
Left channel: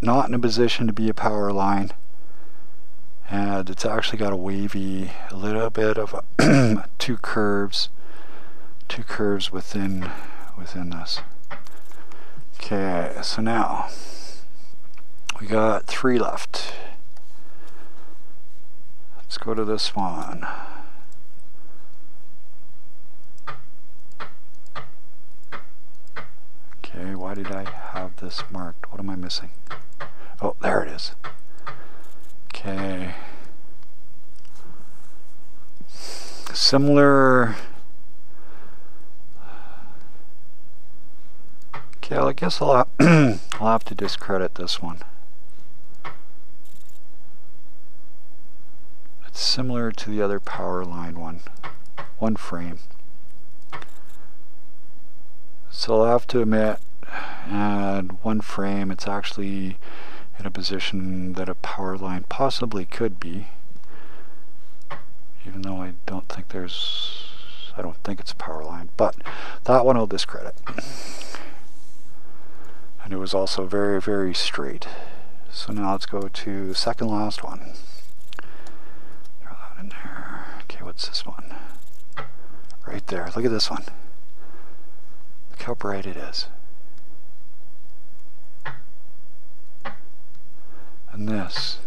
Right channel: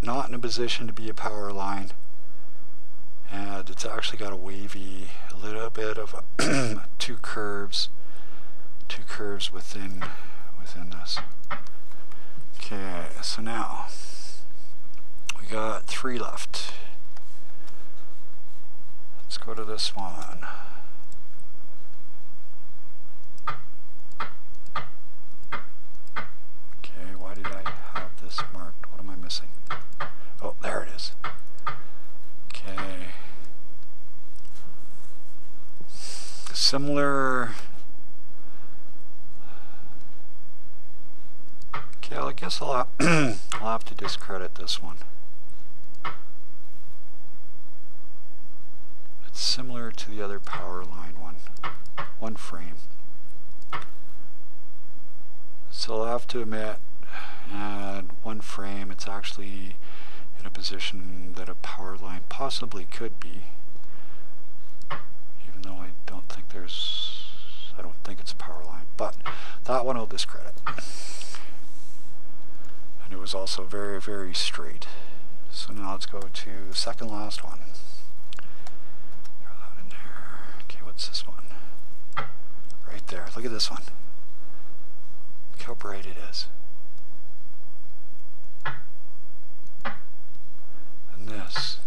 Not in a position to be a power line. And it's actually got a little bit of two curves within this. Okay, so now we got 3 left. Let's go to this one. Okay, why did I have this marked? What am I missing? Oh, there it is. Okay. Similar. Okay, well, I guess I'll have to discredit this one. It's similar to the other power line one frame. So I'll have to admit, at one frame, it's actually in a position that a power line possibly could be, even though I don't think it's a power line, but that one I'll discredit. And it was also very, very straight. So now let's go to the second last one. Throw that in there. Okay, what's this one? Right there. Look at this one. Look how bright it is. And this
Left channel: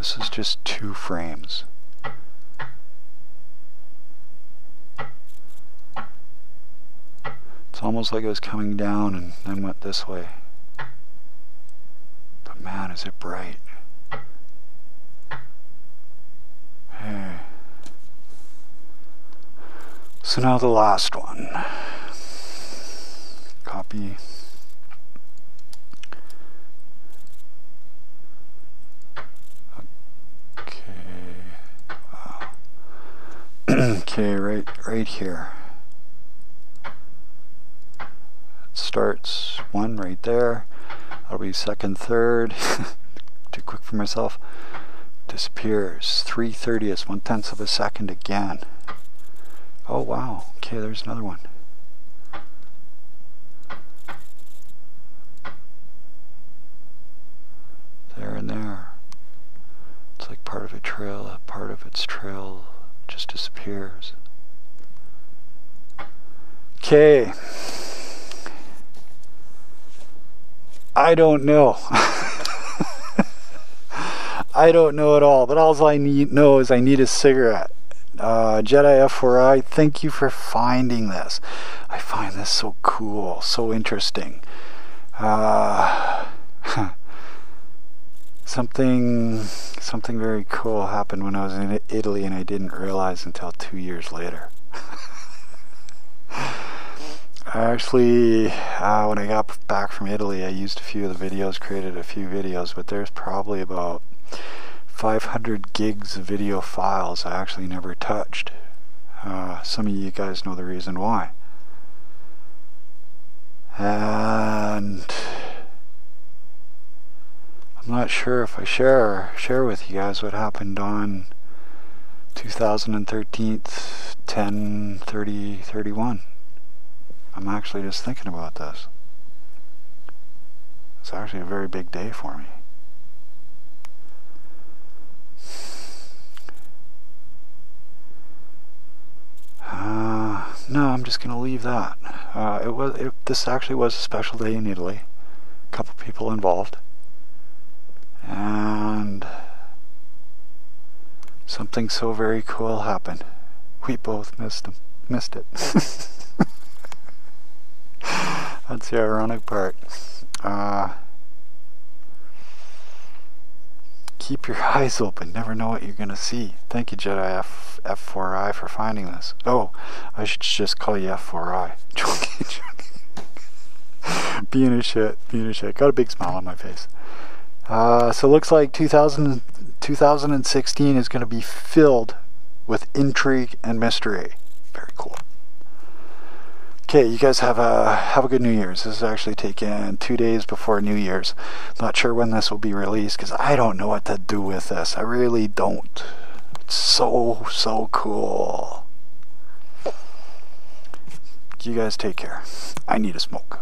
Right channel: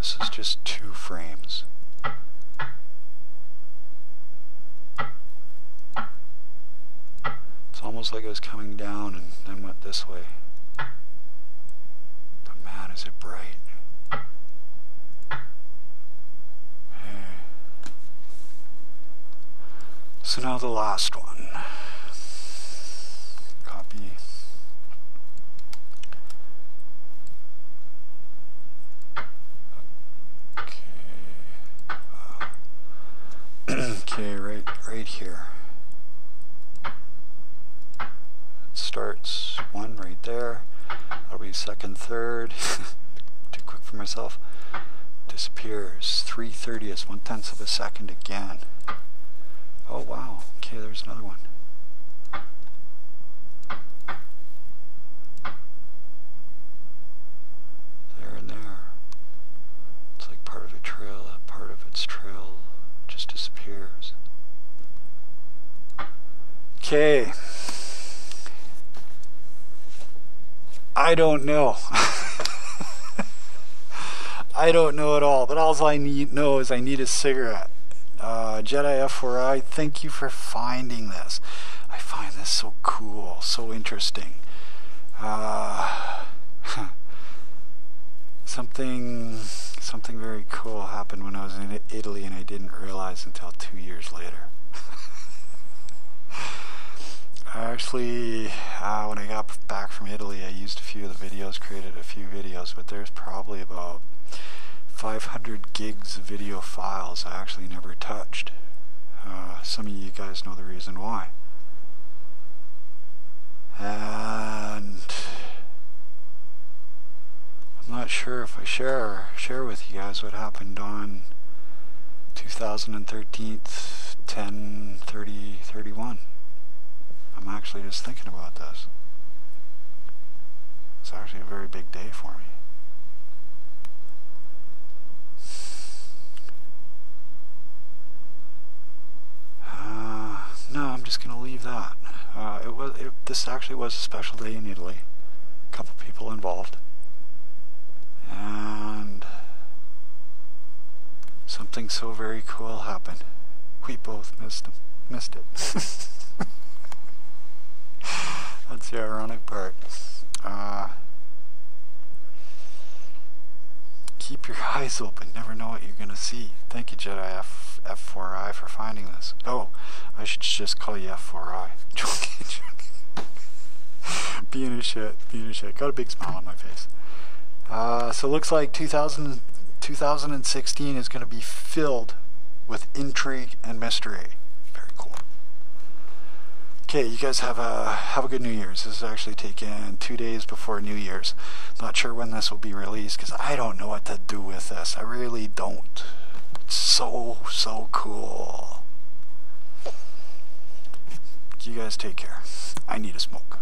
is just 2 frames. It's almost like it was coming down and then went this way. But man, is it bright. Hey. So now the last one. Copy. Okay, right here. It starts 1 right there. That'll be second, third. Too quick for myself. Disappears. 3/30ths, 1/10 of a second again. Oh wow. Okay, there's another one. There and there. It's like part of a trail. Part of its trail just disappears. Okay. I don't know. I don't know at all, but all I know is I need a cigarette. Jedi F41, thank you for finding this. I find this so cool, so interesting. Something very cool happened when I was in Italy and I didn't realize until 2 years later. Actually, when I got back from Italy, I used a few of the videos, created a few videos, but there's probably about 500 gigs of video files I actually never touched. Some of you guys know the reason why. And I'm not sure if I share with you guys what happened on 2013 10/30/31. I'm actually just thinking about this. It's actually a very big day for me. No, I'm just gonna leave that. This actually was a special day in Italy. A couple people involved, and something so very cool happened. We both missed it. That's the ironic part. Keep your eyes open. Never know what you're gonna see. Thank you, Jedi F41 for finding this. Oh, I should just call you F4I. Joking. Being a shit. Got a big smile on my face. So it looks like 2016 is going to be filled with intrigue and mystery. Very cool. Okay, you guys have a good New Year's. This is actually taken 2 days before New Year's. Not sure when this will be released because I don't know what to do with this. I really don't. It's so cool. You guys take care. I need a smoke.